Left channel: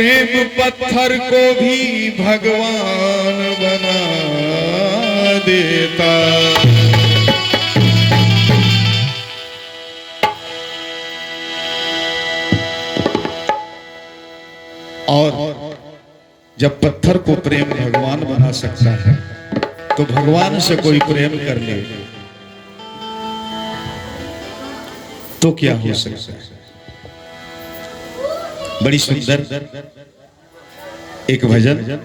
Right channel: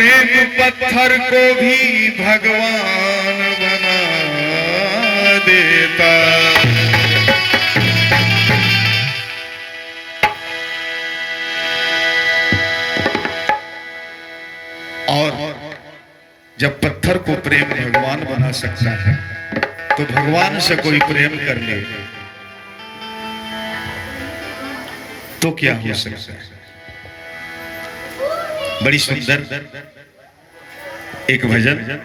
प्रेम पत्थर को भी भगवान बना देता। और जब पत्थर को प्रेम भगवान बना सकता है तो भगवान से कोई प्रेम कर ले तो क्या हो सकता है। बड़ी सुंदर एक भजन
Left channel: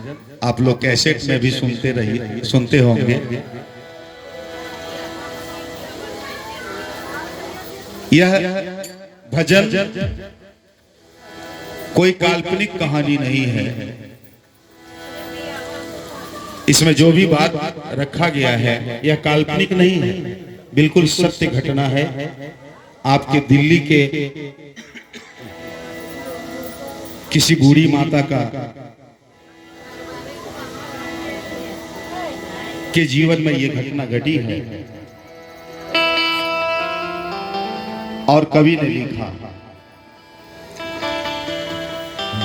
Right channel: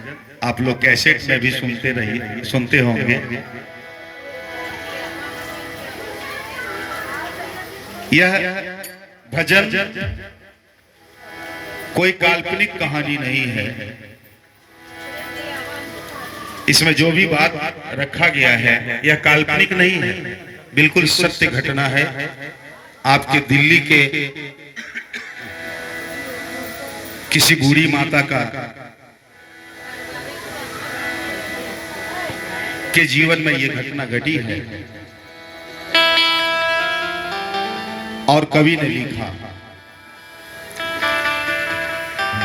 आप लोग कैसेट में भी सुनते होंगे। यह भजन कोई काल्पनिक कहानी नहीं है। इसमें जो भी बात रखा गया है यह काल्पनिक नहीं है, बिल्कुल सत्य घटना है। आपके दिल्ली के किसी बूढ़ी माता के जीवन में यह घटना घटी है और कवि ने लिखा,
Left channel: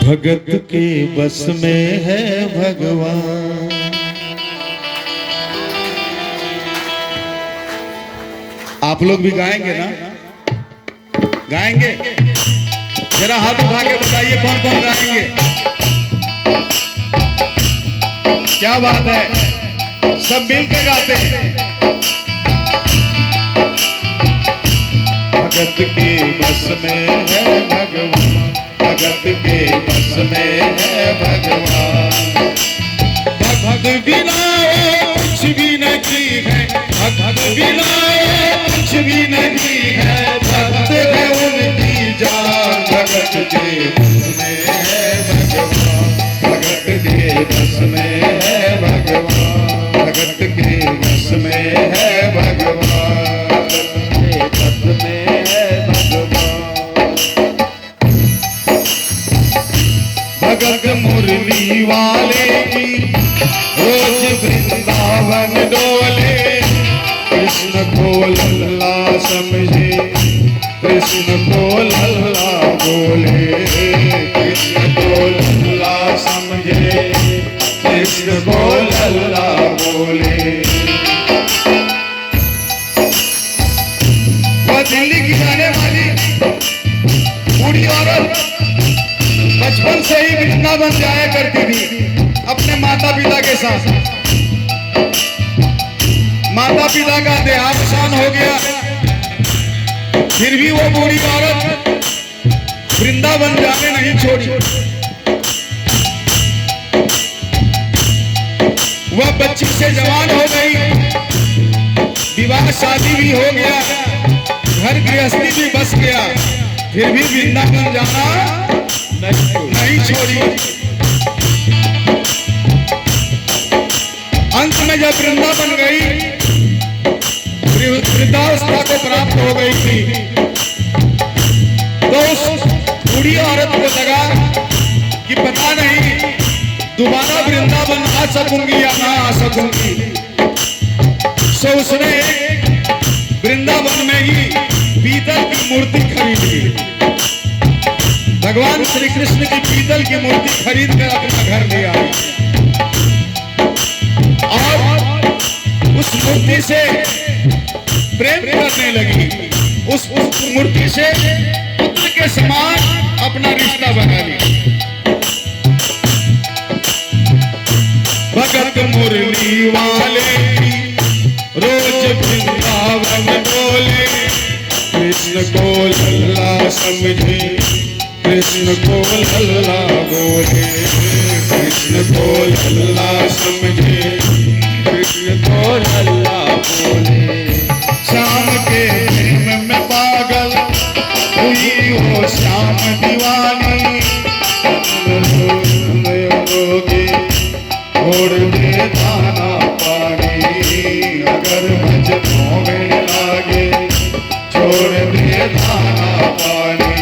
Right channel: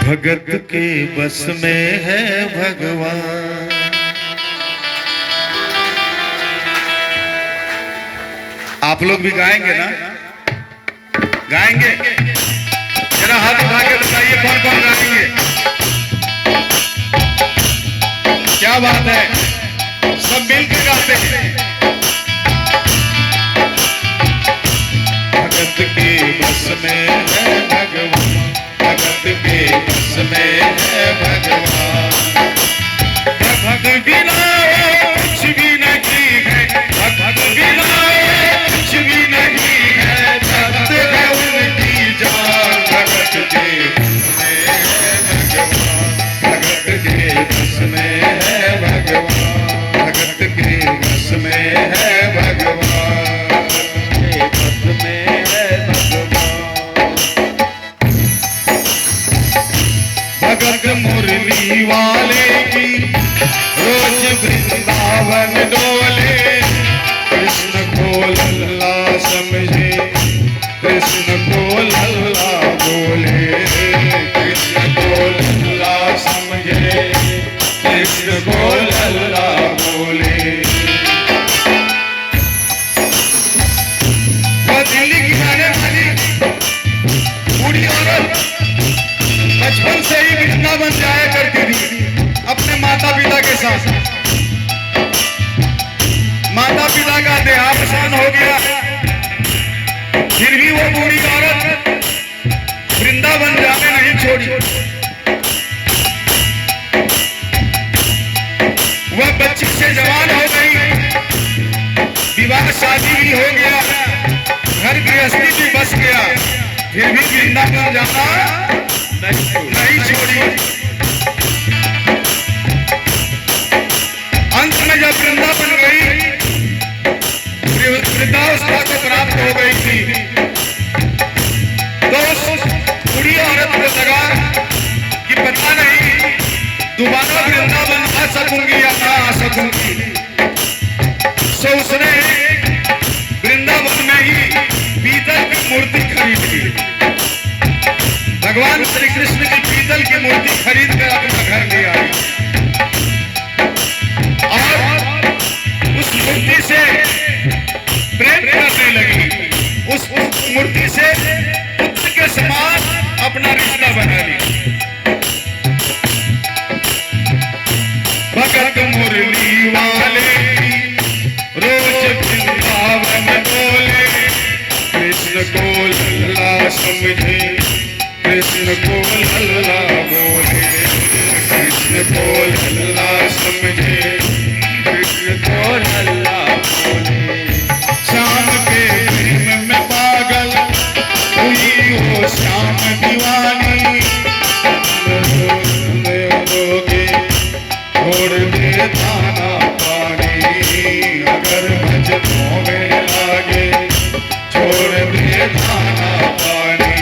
भगत के बस में है भगवान। आप लोग भी गाएंगे ना? गाएंगे? जरा हाथ उठा के बताइए कौन कौन गाएंगे। क्या बात है, सब मिलकर गाते हैं। भगत के बस में है भगवान, भगत के बस में है भगवान। भगत बिना कुछ भी नहीं है, भगत बिना कुछ भी नहीं है। भगत है उनकी जान, भगत के बस में है भगवान, भगत के बस में है भगवान, भगत के बस में है भगवान, भगत के बस में है भगवान। भगत मुरली वाले की रोज वृंदावन डोले, कृष्ण को लल्ला समझे, कृष्ण को लल्ला बोले, कृष्ण को लल्ला समझे, कृष्ण को लल्ला बोले। वह दिल्ली की जाने वाली बूढ़ी औरत बचपन से ही वृंदावन जाया करती थी अपने माता पिता के साथ। माता पिता का देहावसान हो गया, फिर भी वो बूढ़ी औरत वृंदावन जाने नहीं छोड़ी। वह बच्ची से जवान हो गई, विवाह शादी भी हो गया, घर गृहस्थी भी बस गया, फिर भी वृंदावन जाना नहीं छोड़ी। अंत में जब वृंदावन गई, वृद्धावस्था को प्राप्त हो गई थी, तो उस बूढ़ी औरत को लगा कि पता नहीं दोबारा वृंदावन आ सकूंगी या ना आ सकूंगी। सो उसने वृंदावन में ही पीतल की मूर्ति खरीद ली। भगवान श्री कृष्ण की पीतल की मूर्ति खरीद कर अपना घर ले आई और उस मूर्ति से प्रेम करने लगी। उस मूर्ति से पुत्र के समान अपना रिश्ता बना ली। भगत मुरली वाले रोज वृंदावन बोले, कृष्ण को लल्ला समझे, कृष्ण को लल्ला बोले, कृष्ण को लल्ला समझे, कृष्ण को लल्ला बोले। श्याम के प्रेम में पागल हुई वो श्याम दीवानी, लोगे छोड़ दे दाना पानी, अगर भजनों में लागे छोड़ दे दाना पानी।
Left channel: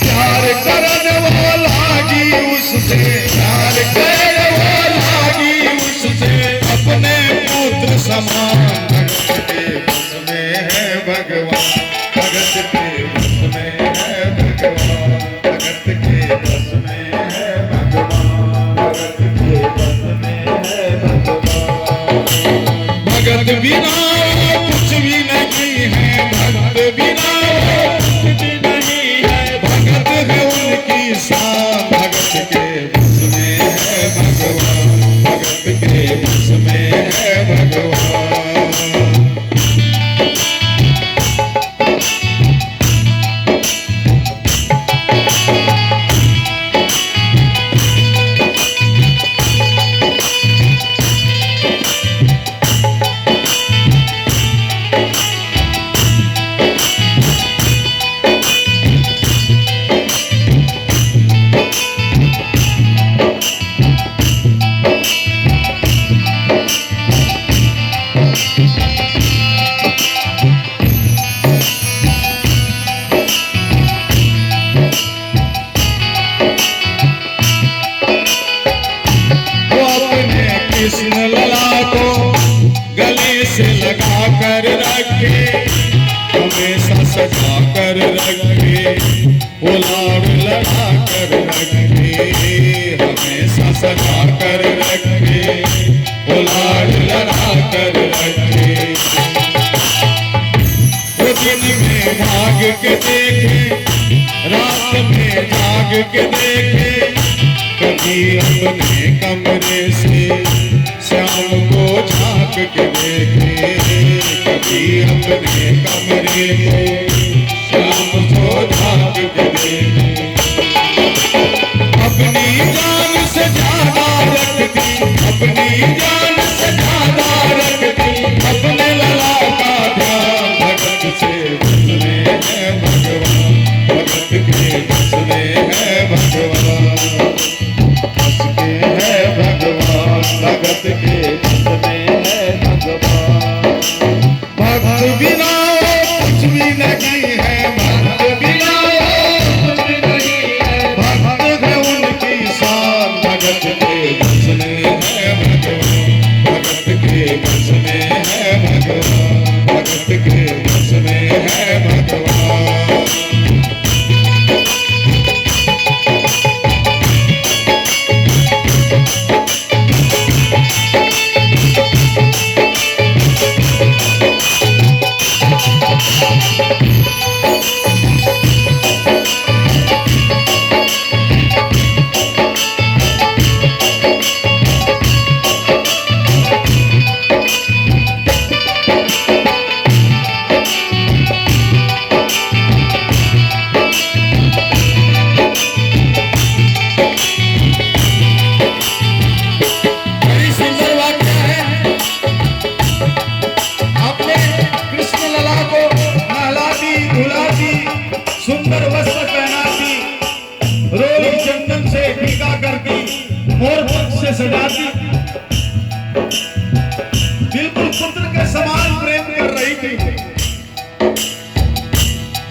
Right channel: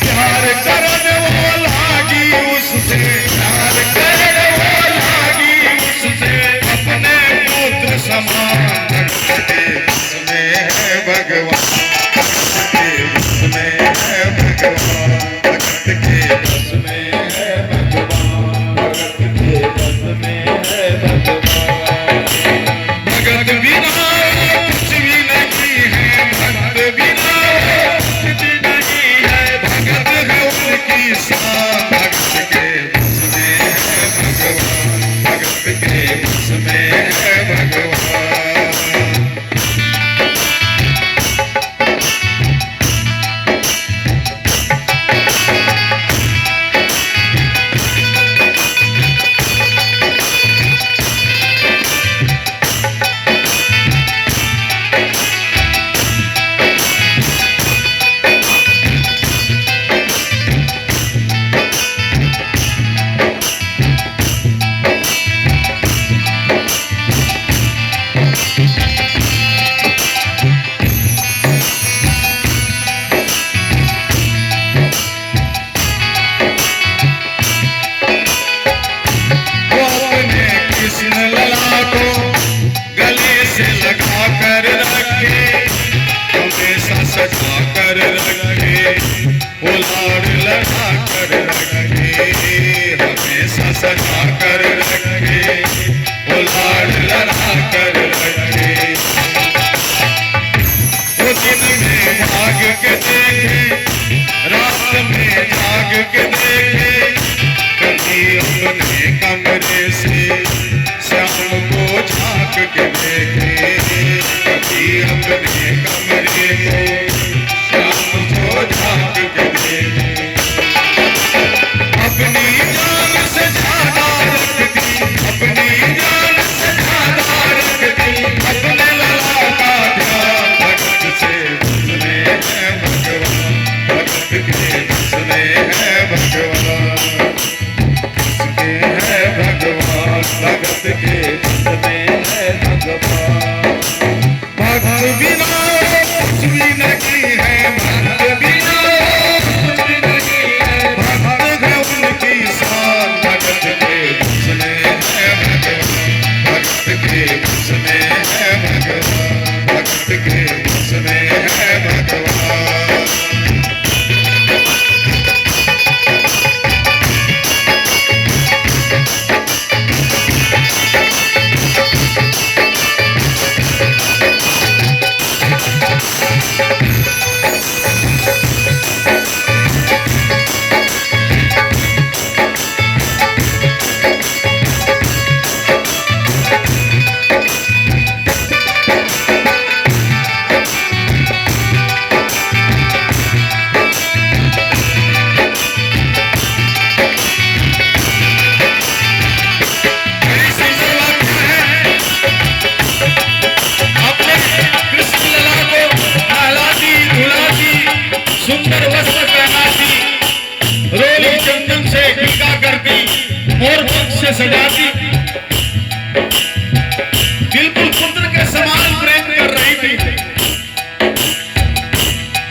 प्यार करने वो लागी उससे, प्यार करने वो लागी उससे, अपने पुत्र समान। भगत के बस में है भगवान, भगत के बस में है भगवान, भगत के बस कुछ भी नहीं है, भक्त बिना कुछ भी नहीं है। भगत है उनकी शान, भगत के बस में है भगवान, भगत के बस में है भगवान। कृष्ण लला को गले से लगा कर रखे, हमेशा सजा कर रखे, उलार लगा कर रखे, हमेशा सजा कर रखे, उलार लगा कर रखे। वो दिन में भाग के देखे, रात में जाग के देखे, कभी अपने कमरे से शाम को झांक के देखे, कभी अपने कमरे को शाम को झांक के देखे। अपनी जान से ज्यादा रखती, अपनी जान से ज्यादा रखती, अपने लला का ध्यान, भगत से बस में है भगवान, भगत के बस में है भगवान, भगत के बस में है भगवान। भक्त बिना कुछ भी नहीं है, भक्त बिना कुछ भी नहीं है। भक्त है उनकी शान, भगत के बस में है भगवान, भगत के बस में है भगवान, भगत के बस में है भगवान। सुंदर वस्त्र पहनाती, रोली चंदन से टीका करती, मोर पंख से सजाती, बिल्कुल पुत्र के समान प्रेम कर रही थी।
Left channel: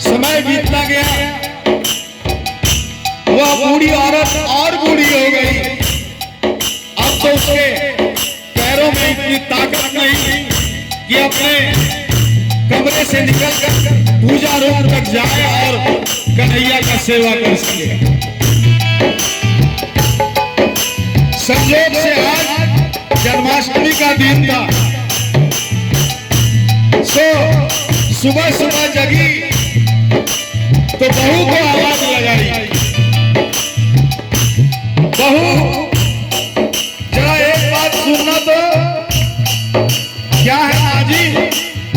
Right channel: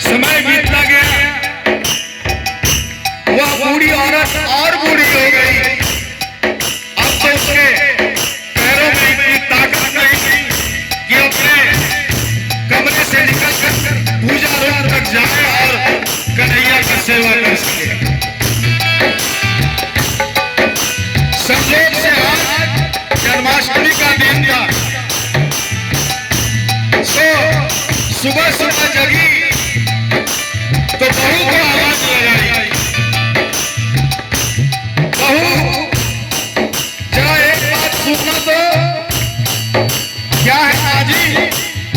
समय बीतता गया, वह बूढ़ी औरत और बूढ़ी हो गई। अब तो उसके पैरों में इतनी ताकत नहीं थी कि अपने कमरे से निकलकर पूजा रूम तक जाए और कन्हैया का सेवा कर सके। संयोग से आज जन्माष्टमी का दिन था, तो सुबह सुबह जगी तो बहू को आवाज लगाई, बहू जरा एक बात सुनना तो। क्या है आजी,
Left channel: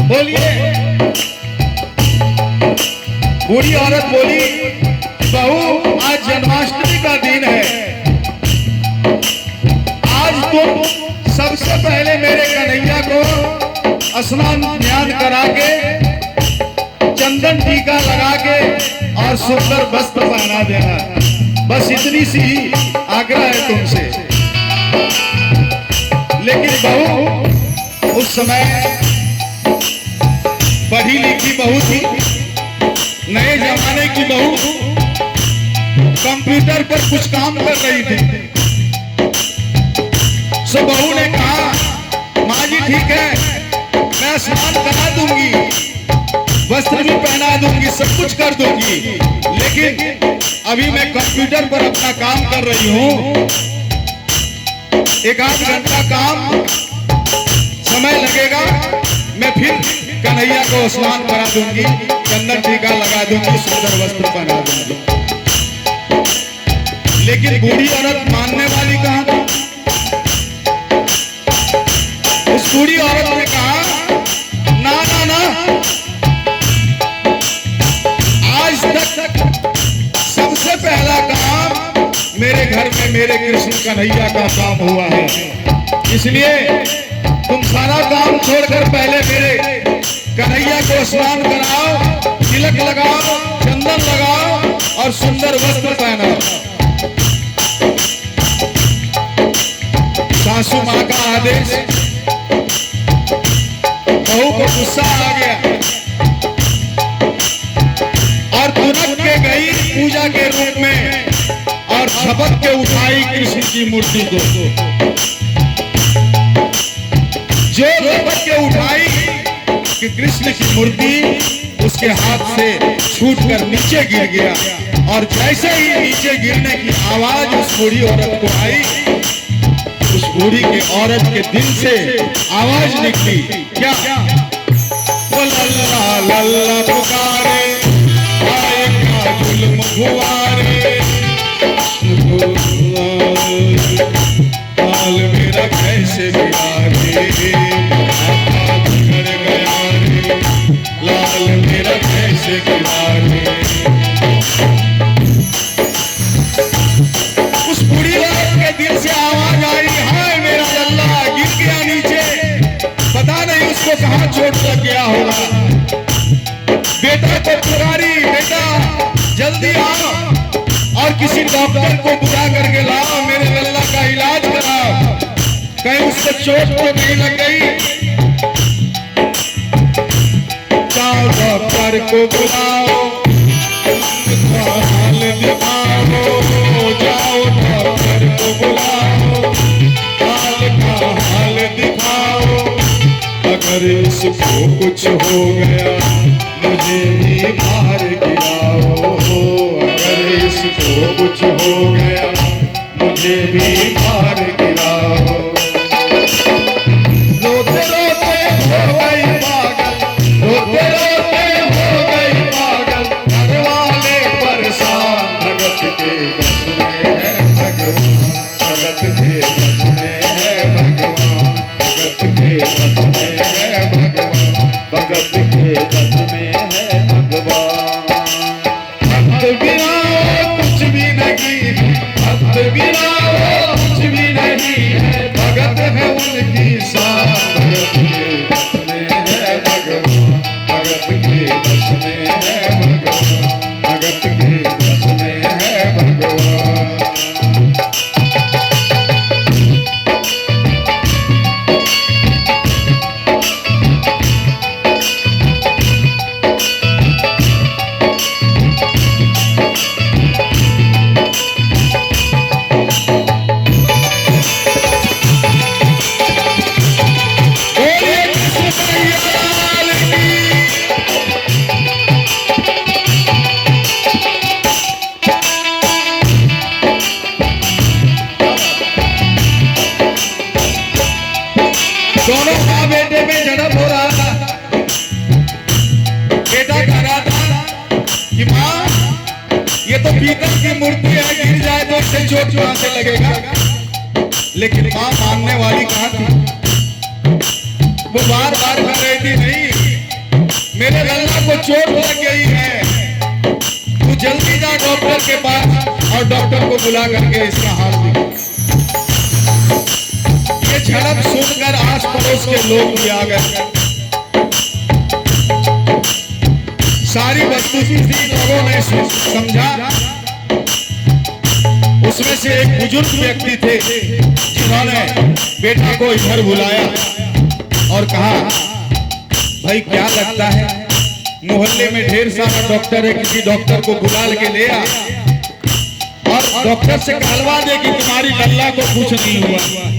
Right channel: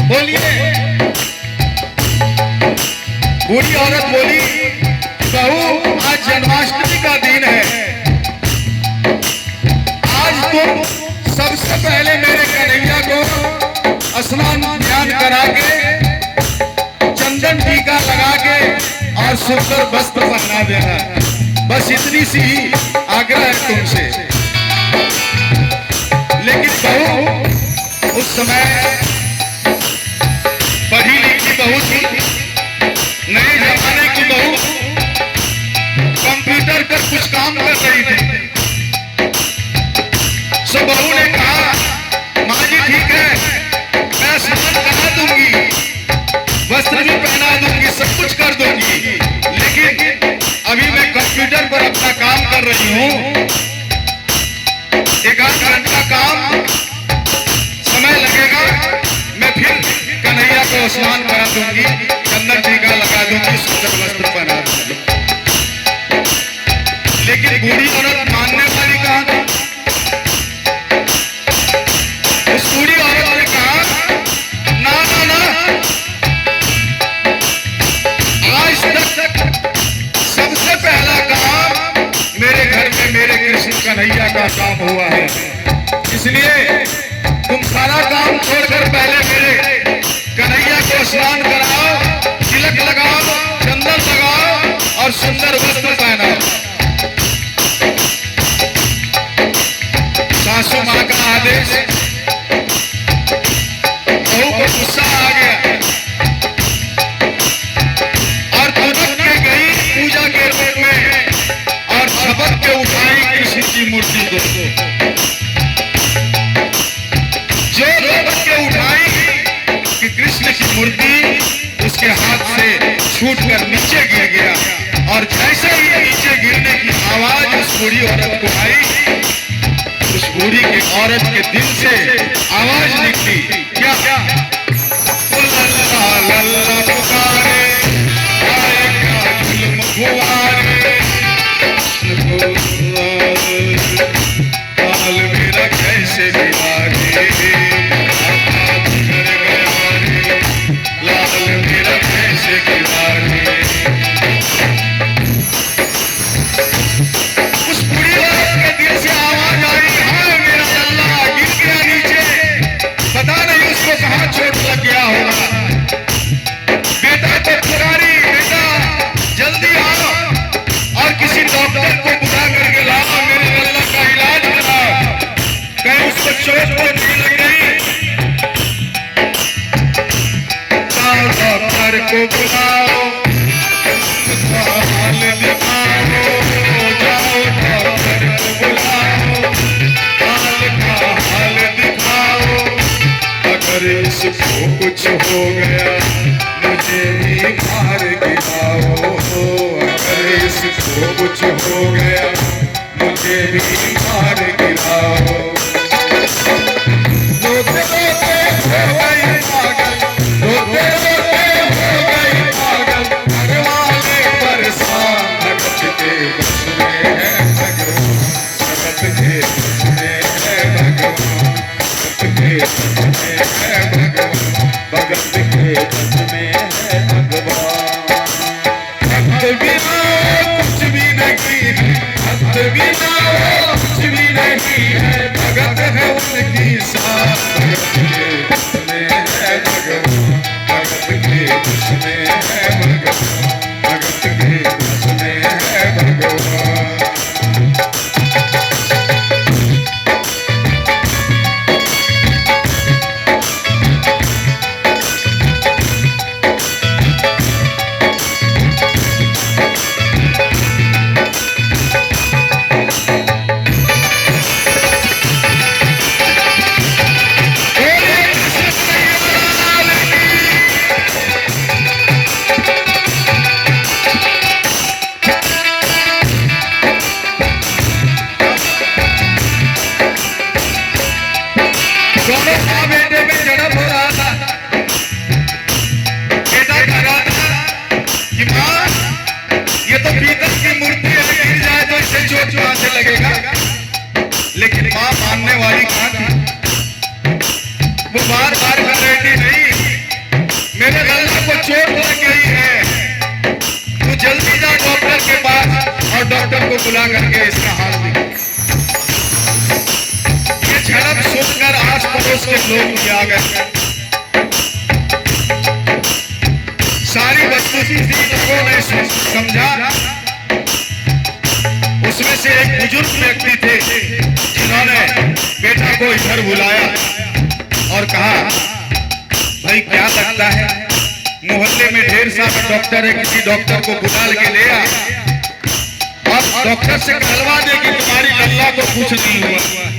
बोलिए। बूढ़ी औरत बोली, बहू आज जन्माष्टमी का दिन है, आज तुम सबसे पहले मेरे कन्हैया को स्नान ध्यान करा के, चंदन टीका लगा के और सुंदर वस्त्र पहना देना। बस इतनी सी आग्रह है तुमसे। लेकिन बहू उस समय पढ़ी लिखी बहू थी, नए जमाने की बहू, कंप्यूटर पर कुछ काम कर रही थी। सो बहू ने कहा, माँ जी ठीक है, मैं स्नान करा दूंगी, वस्त्र भी पहना दूंगी, सब कुछ कर दूंगी, लेकिन अभी मैं कंप्यूटर पर अपना काम कर रही हूँ, एक आध घंटा काम समय लगेगा, मैं फिर कन्हैया को स्नान करा दूंगी, चंदन टीका लगा दूंगी, सुंदर वस्त्र पहना दूंगी। लेकिन बूढ़ी औरत मानने वाली कहाँ थी? उस बूढ़ी औरत ने कहा ना ना ना, आज तक सबसे पहला काम मेरे घर में मेरे कृष्ण कन्हैया का काम हुआ है, इसलिए तुम सारा काम छोड़कर पहले मेरे कन्हैया को स्नान कराओ, तिलक लगाओ, चंदन लगाओ और सुंदर वस्त्र पहनाओ। सासू माँ का आदेश, बहू को गुस्सा आ गया और तुरंत के गई पूजा के रूप में और झपट के उठाई कृष्ण की मूर्ति को। जो झपट के उठाई कि कृष्ण की मूर्ति उसके हाथ से छूटकर नीचे गिर गया, और जैसे ही नीचे गिरने की आवाज उस बूढ़ी औरत को आई, उस बूढ़ी की औरत के दिल से आवाज निकली, क्या लल्ला लल्ला पुकारे, गाए क्या जुल्म गुवारे, काल मेरा कैसे बिगाड़े, बिगड़ गया रे, लाल मेरा कैसे बिगाड़े। उस बूढ़ी औरत के दिल से आवाज आई, हाय मेरा लल्ला गिर गया नीचे, पता नहीं उसको कहाँ चोट लग गया होगा। बेटा तो पुरानी, बेटा जल्दी आओ और किसी डॉक्टर को बुला करके लाओ, मेरे लल्ला का इलाज कराओ, कहीं उसको चोट तो नहीं लग गई। जाओ डॉक्टर को बुलाओ, हाल दिखाओ, जाओ डॉक्टर को बुलाओ, हाल दिखाओ, अगर इसको कुछ हो गया मुझे भी मार गिराओ, अगर इसको कुछ हो गया मुझे भी मार गिराओ। रोते रोते हो गई पागल, रोते रोते हो गई पागल, भगवान परेशान, भगत के बस में है भगवान, भगत के बस में है भगवान, भगत के बस में है भगवान, भगत के बस में है भगवान। भक्त बिना कुछ भी नहीं, भक्त बिना कुछ भी नहीं है, भगत है उनकी शान, भगत के बस में है भगवान, भगत के बस में है भगवान, भगत के बस में है भगवान। दोनों माँ बेटे में झड़प हो रहा था। बेटा कह रहा था कि माँ ये तो पीतल की मूर्ति है, गिर जाए तो इसे चोट कहाँ से लगेगा। लेकिन माँ मानने वाली कहाँ थी, वो बार बार कह रही थी नहीं मेरे लल्ला को चोट लग गई है, तू जल्दी जा डॉक्टर के पास और डॉक्टर को बुला करके इसका हाल दिखा। झड़प सुनकर आस पड़ोस के लोग भी आ गए। सारी वस्तुस्थिति लोगों ने समझा। उसमें से एक बुजुर्ग व्यक्ति थे जिन्होंने बेटा को इधर बुलाया और कहा, भाई क्या लगता है मोहल्ले में ढेर सारा डॉक्टर है, किसी डॉक्टर को बुला के ले आ और डॉक्टर से कहलवा दे कि तुम्हारी लल्ला को कुछ नहीं हुआ।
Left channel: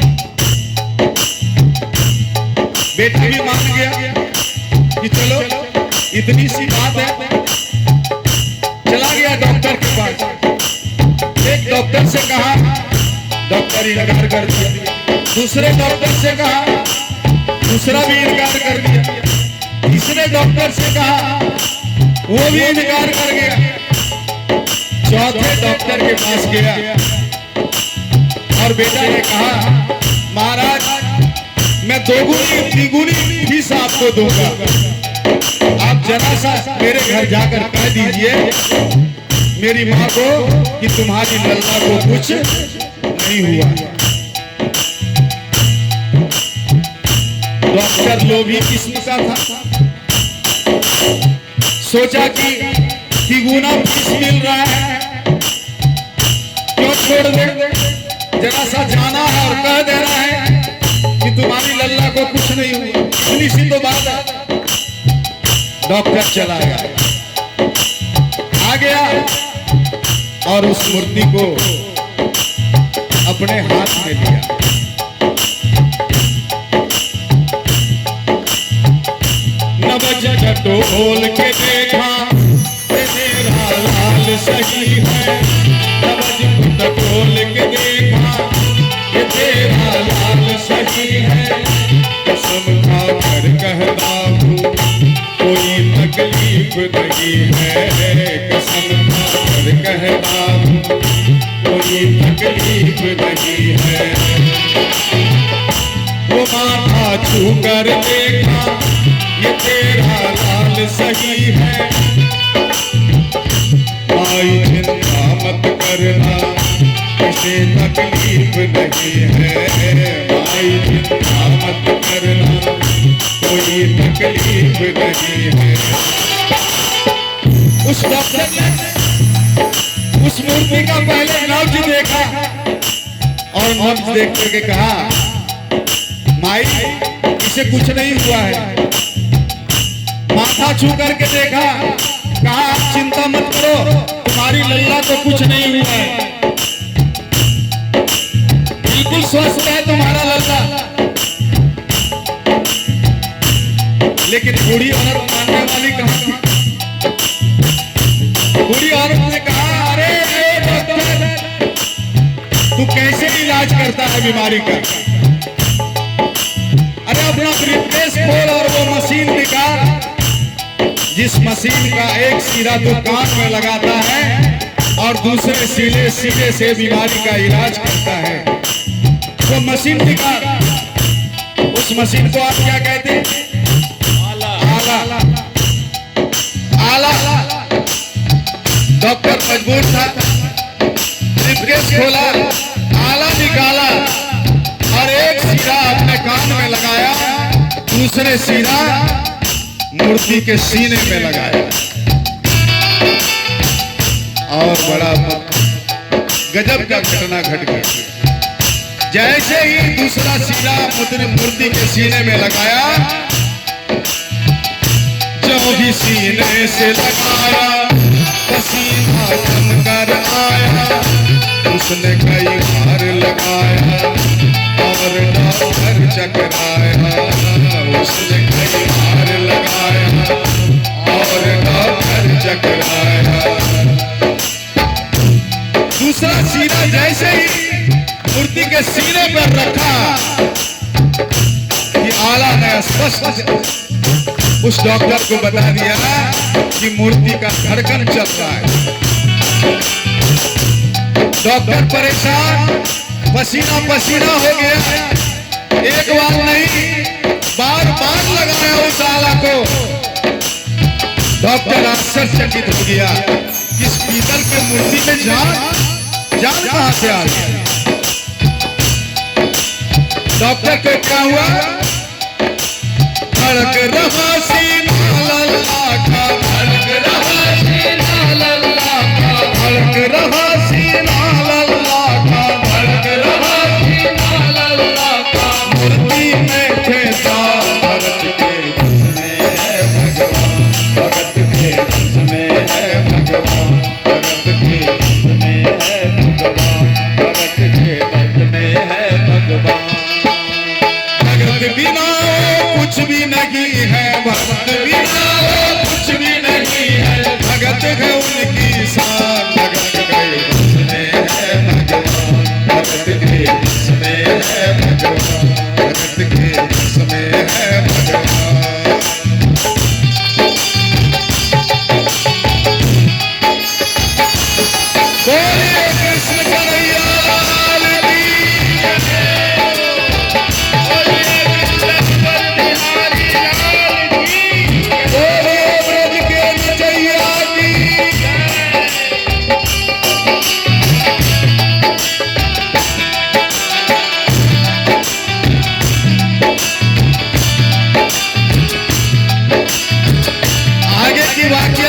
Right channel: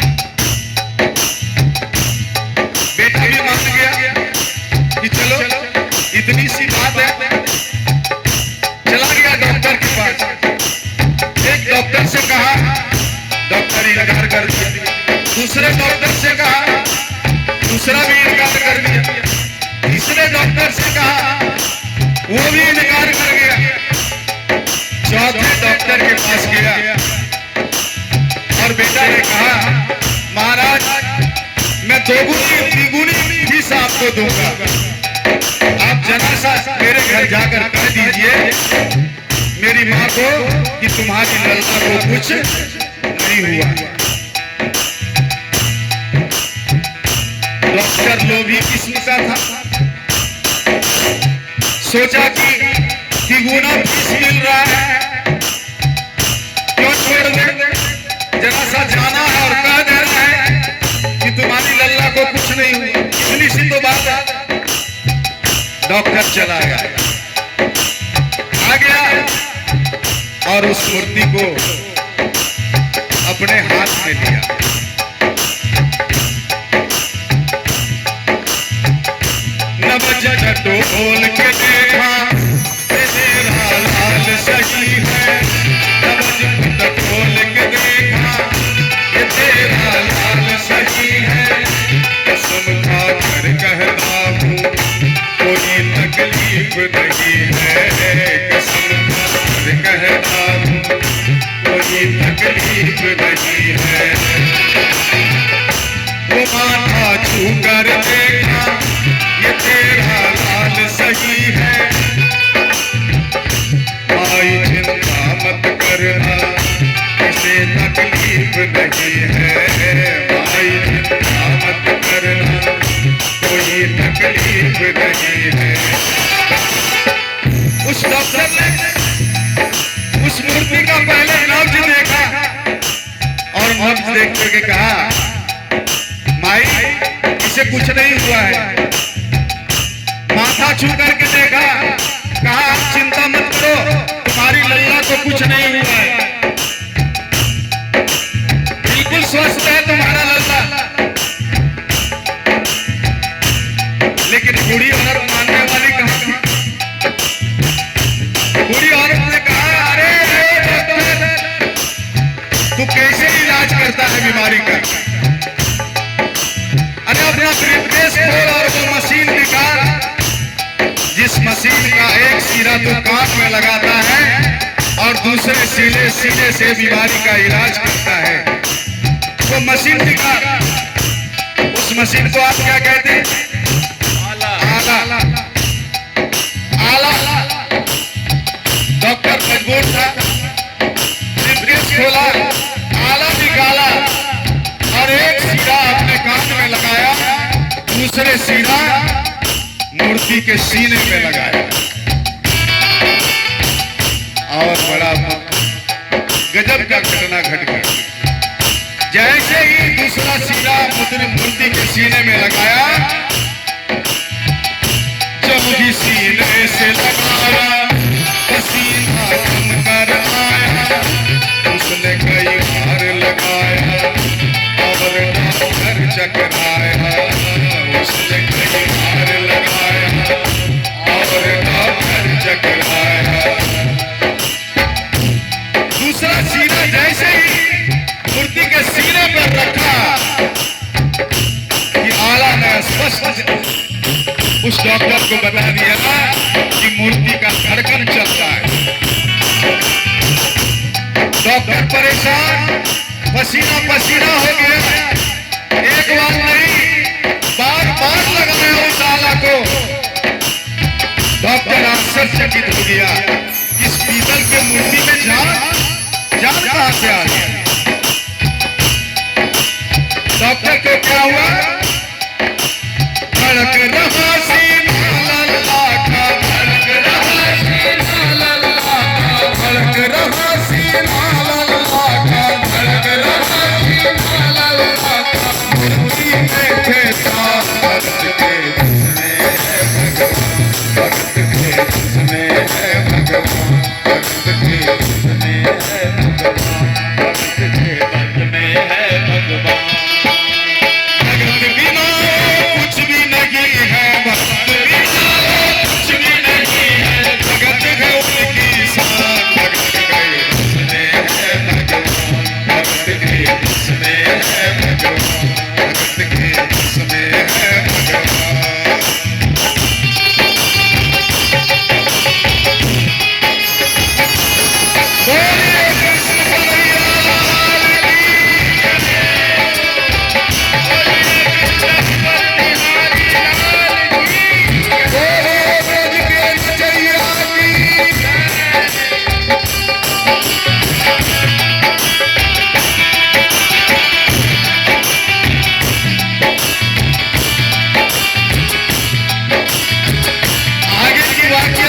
बेटा भी मान गया कि चलो इतनी सी बात है, चला गया डॉक्टर के पास। एक डॉक्टर से कहा, डॉक्टर इनकार कर दिया। दूसरे डॉक्टर से कहा, दूसरा भी इनकार कर दिया। तीसरे डॉक्टर से कहा, वो भी इनकार कर गया। चौथे डॉक्टर के पास गया और बेटा ने कहा, महाराज मैं दोगुनी तिगुनी फीस आपको दूंगा, आप जरा सा मेरे घर जाकर कह दीजिए मेरी माँ को कि तुम्हारी ललना को कुछ नहीं हुआ। डॉक्टर लोभी किस्म का था, सोचा कि तिगुना फीस मिल रहा है, क्यों छोड़ दे, जरा सा जाना है और कह दे रहा है कि तुम्हारी लल्ला को कुछ नहीं हुई, इतनी सी तो बात है। डॉक्टर चला गया, आ गया और उस मूर्ति को अपने हाथ में लिया। नवज ढोल के देखा तेरा लाल सही है, नवज ढोल के देखा ये तेरा लाल सही है। कसम खाकर कहता हूँ कोई तकलीफ नहीं है, कसम खाकर कहता हूँ कोई तकलीफ नहीं है। वो माथा छू कर देखा ये तेरा लाल सही है। माई चिंता मत करना किसे तकलीफ नहीं है, माई चिंता मत करना कोई तकलीफ नहीं है। उस डॉक्टर ने उस मूर्ति का पहले नब्ज देखा और नब्ज देख करके कहा, माई इसे कुछ नहीं हुआ है। माथा छू करके देखा, कहा चिंता मत करो तुम्हारी लल्ला को कुछ नहीं हुआ है, बिल्कुल स्वस्थ है तुम्हारा लल्ला। लेकिन बूढ़ी औरत मानने वाली कहाँ थी? बूढ़ी औरत ने कहा, अरे डॉक्टर तू कैसे इलाज करता है बीमारी का? अरे अपना ब्रीफकेस खोल और वो मशीन निकाल, जिस मशीन का एक सिरा तो कान में लगाता है और दूसरे सिरे से बीमारी का इलाज करता है, वो मशीन निकाल। उस मशीन को आप क्या कहते हैं? आला। आला। डॉक्टर मजबूर था, ब्रीफकेस खोला, आला निकाला और एक सिरा अपने कान में लगाया, दूसरे सिरा मूर्ति के सीने में लगाया और बड़ा गजब का घटना घट गया। जैसे ही दूसरा सिरा मूर्ति के सीने में लगाया, जब भी सीने से लगाया पसीना कम कर आया, उसने कई बार लगाया और डॉक्टर चकराया, उसने कई बार लगाया और डॉक्टर चकराया। दूसरा सीना जैसे ही मूर्ति के सीने पर रखा कि आला ने स्पष्ट उस डॉक्टर को बता दिया कि मूर्ति का धड़कन चल रहा है। डॉक्टर परेशान, पसीना पसीना हो गया, एक बार नहीं बार बार लगाया उस आला को। डॉक्टर आश्चर्यचकित हो गया, इस पीतल के मूर्ति में जान कहां से आ गया? डॉक्टर को क्या हुआ? धड़क रहा सीना लल्ला का, धड़क रहा सीना लल्ला का, धड़क रहा सीना लल्ला का, धड़क रहा सीना लल्ला का। मूर्ति में खेता भगत के उसमें है भगवान, भगत के उसमें है भगवान, भगत के उसमें है भगवान, भगत के उसमें है भगवान। भगत बिना कुछ भी नहीं है, भगत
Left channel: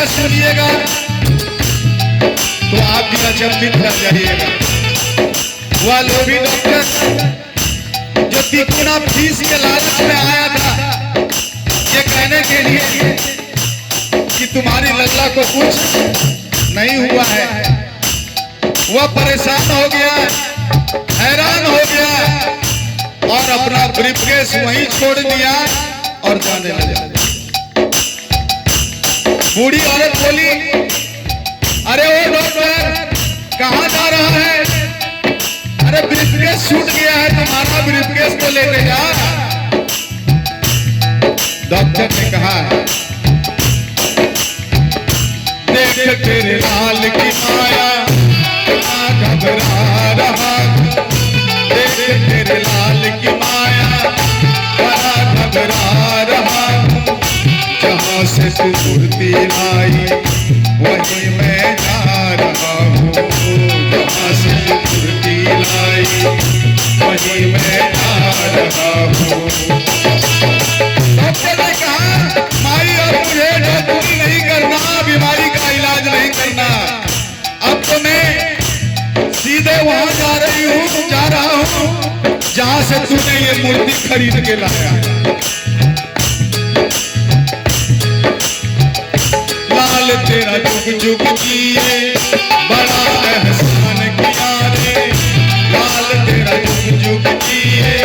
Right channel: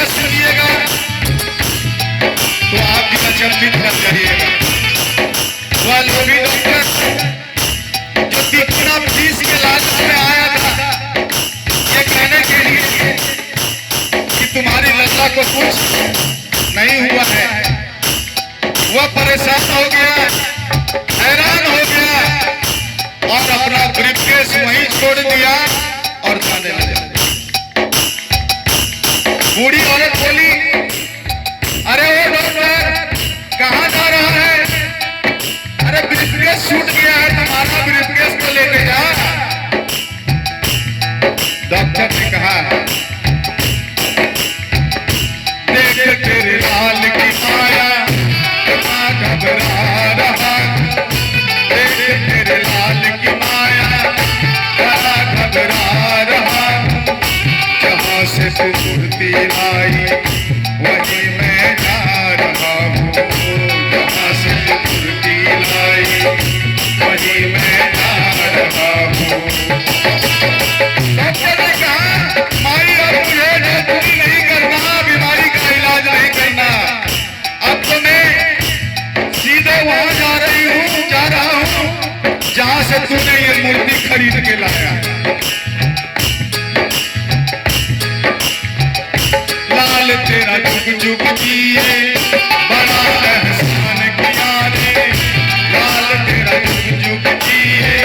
यह सुनिएगा तो आप भी अचंभित कर जाइएगा। वह लोभी डॉक्टर जो तिकोना फीस के लालच में आया था ये कहने के लिए कि तुम्हारी लल्ला को कुछ नहीं हुआ है, वह परेशान हो गया, हैरान हो गया और अपना ब्रीफकेस वहीं छोड़ दिया और जाने लगा। बूढ़ी औरत बोली, अरे ओ डॉक्टर कहाँ जा रहा है? अरे ब्रीफकेस छूट गया है, तुम्हारा ब्रीफकेस को लेके जा। डॉक्टर ने कहा, देख तेरे लाल की माया घबरा रहा, देख तेरे लाल की माया घबरा रहा, जहाँ से तू मूर्ति लाई वहीं मैं जा रहा हूँ, जहाँ से तू मूर्ति लाई वहीं मैं जा रहा हूँ। डॉक्टर ने कहा, माई और मुझे डॉक्टरी नहीं करना, बीमारी का इलाज नहीं करना, अब तो मैं सीधे वहां जा रहा हूँ जहाँ से तूने ये मूर्ति खरीद के लाया। लाल तेरा जुग जुग जिए बड़ा एहसान किया रे, लाल तेरा जुग जुग जिए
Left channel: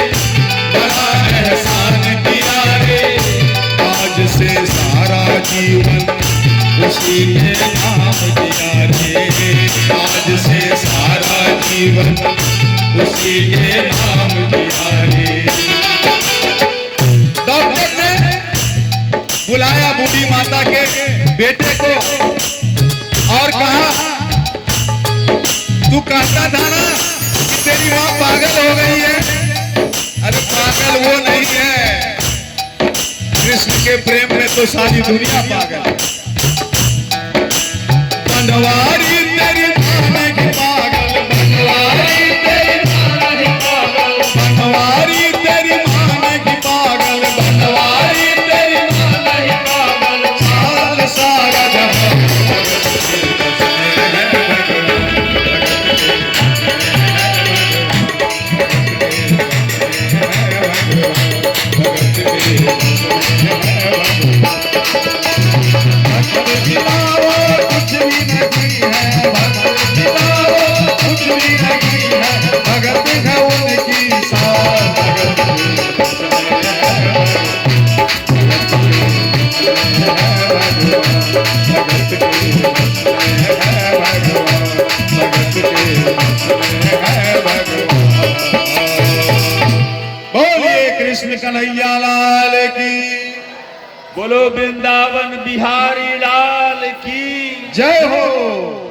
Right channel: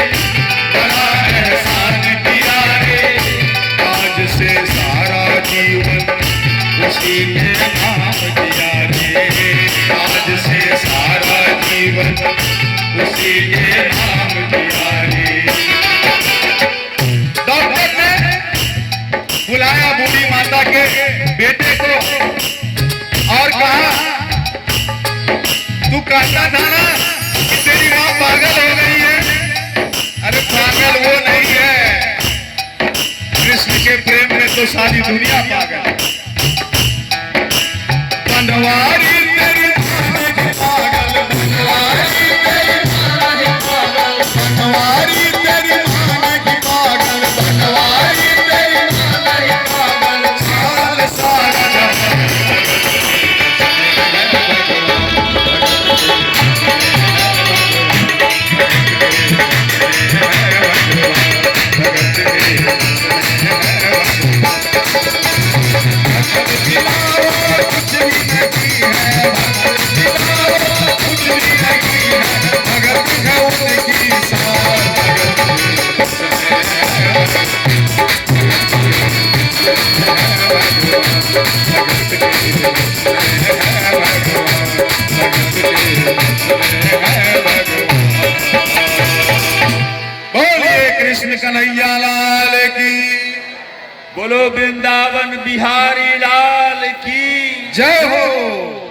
बड़ा एहसान किया रे, आज से सारा जीवन उसी के नाम दिया रे, आज से सारा जीवन उसी के नाम दिया रे। डॉक्टर ने बुलाया बूढ़ी माता के बेटे को और कहा, तू कहता था ना कि तेरी माँ पागल हो गई है? अरे पागल वो नहीं है, कृष्ण के प्रेम में तो सारी दुनिया पागल। बनवारी तेरी माँ की पागल, बनवारी तेरी माँ की पागल, बनवारी तेरी माँ की पागल, बनवारी तेरी माँ की पागल, साल सारा जहां कृष्ण कन्हैया लाल की, बोलो वृंदावन बिहारी लाल की जय हो।